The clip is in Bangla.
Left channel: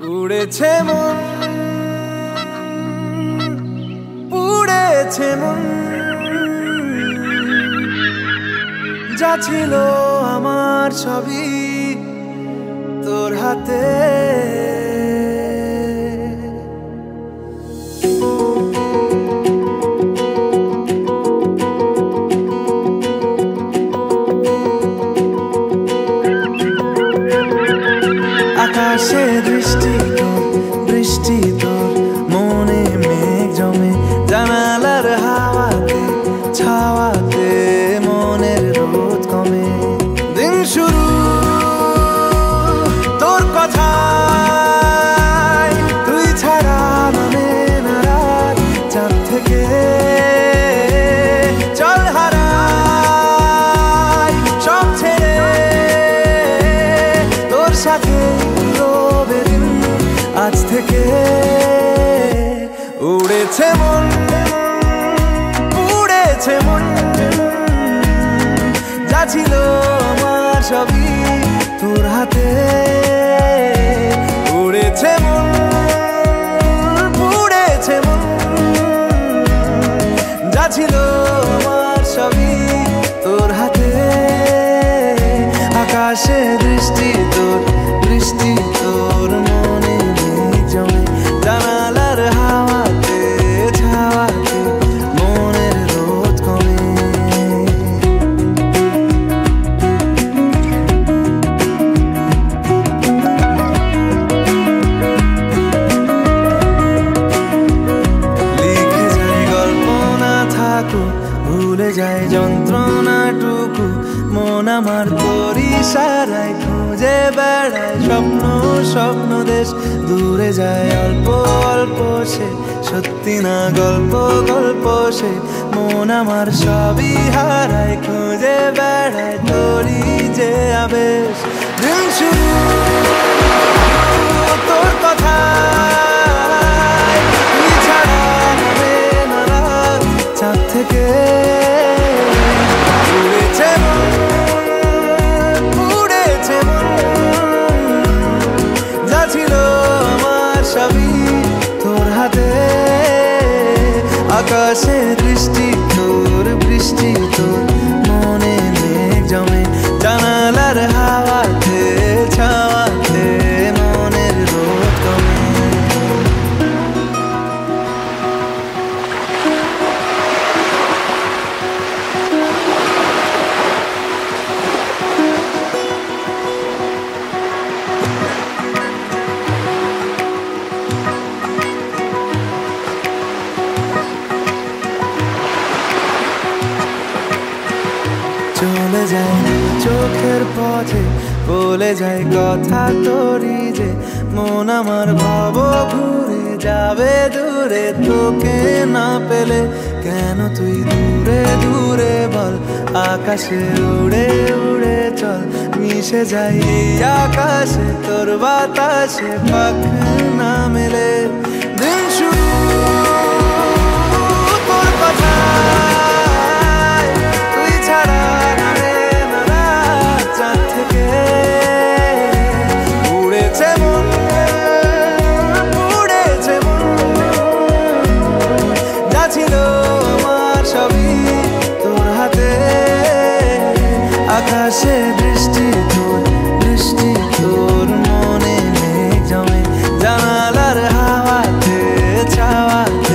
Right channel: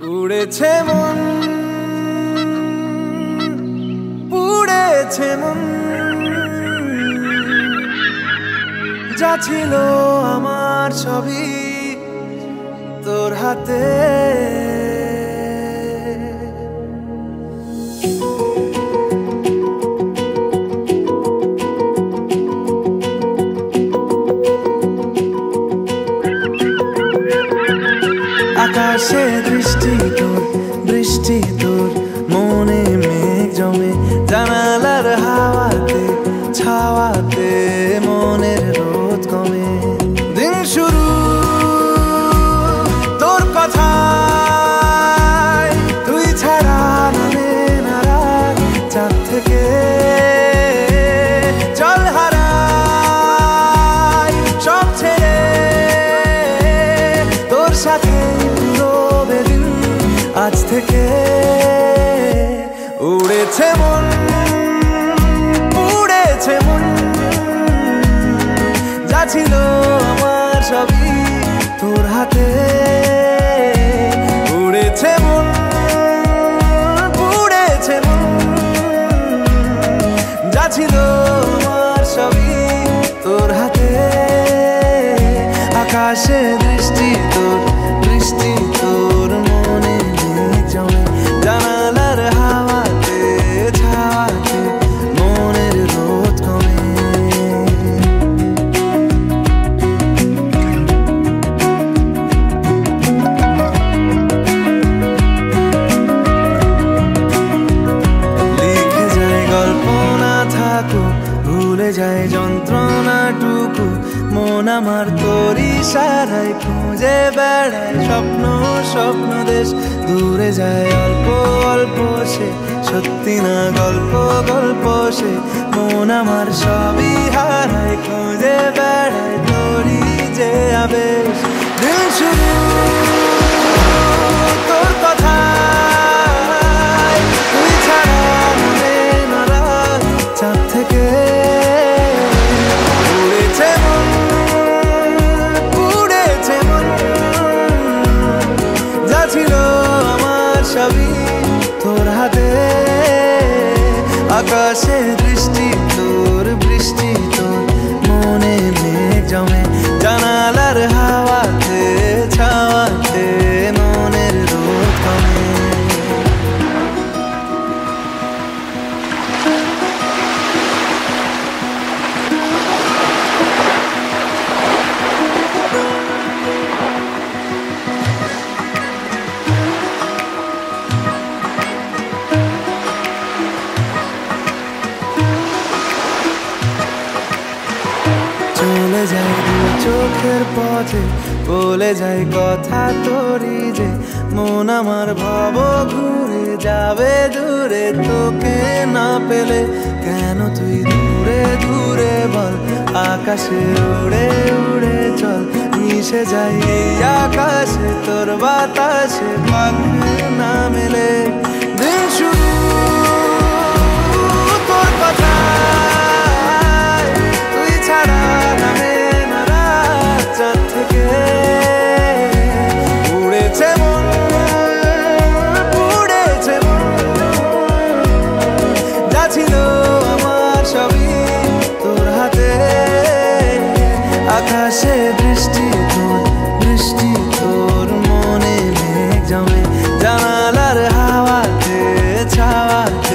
উড়েছে মন, পুড়েছে মন, যা ছিল আমার সবই তোর হাতে। আকাশে দৃষ্টি তোর, বৃষ্টি তোর, মনে মেঘ জমে, জানালার হাওয়াতে ছাওয়াতে মনের রোদ কমে। দিন শুরু তোর কথায়, তুই ছাড়া নামে না রাত, চাঁদ থেকে চল হারাই সব ছেড়ে, তোর সাথেই পুরো বেদিন আজ থেকে। উড়েছে মন, পুড়েছে মন, যা ছিল আমার সবই তোর হাতে। উড়েছে মন, পুড়েছে মন, যা ছিল আমার সবই তোর হাতে। আকাশে দৃষ্টি তোর, বৃষ্টি তোর, মনে মেঘ জমে, জানালার হাওয়াতে ছাওয়াতে মনের রোদ কমে। লিখে যায় গল্প না থাকুক, ভুলে যায় যন্ত্রণাটুকু, মন আমার তোর ইশারায় খুঁজে বেড়ায় স্বপ্ন স্বপ্ন দেশ। দূরে যায় অল্প অল্প সে, সত্যি না গল্প গল্প সে, মন আমার সবই হারায় খুঁজে বেড়ায় তোরই যে আবেশ। দিন শুরু তোর কথায়, তুই ছাড়া নামে না রাত, চাঁদ থেকে। উড়েছে মন, পুড়েছে মন, যা ছিল আমার সবই তোর হাতে। আকাশে দৃষ্টি তোর, বৃষ্টি তোর, মনে মেঘ জমে, জানালার হাওয়াতে ছাওয়াতে মনের রোদ কমে। চলে যায় দু চোখের পথে, বলে যায় কথা তোরই যে, মন আমার ভাব ঘুরে যাবে দূরে তোকে না পেলে। কেন তুই দূরে দূরে বল, আকাশে উড়ে উড়ে চল, মিশে যাই এই আকাশে তোর বাতাসে পাখ না মেলে। দিন শুরু তোর কথায়, তুই ছাড়া নামে না রাত, চাঁদ থেকে। উড়েছে মন, পুড়েছে মন, যা ছিল আমার সবই তোর হাতে। আকাশে দৃষ্টি তোর, বৃষ্টি তোর, মনে মেঘ জমে, জানালার হাওয়াতে ছাওয়াতে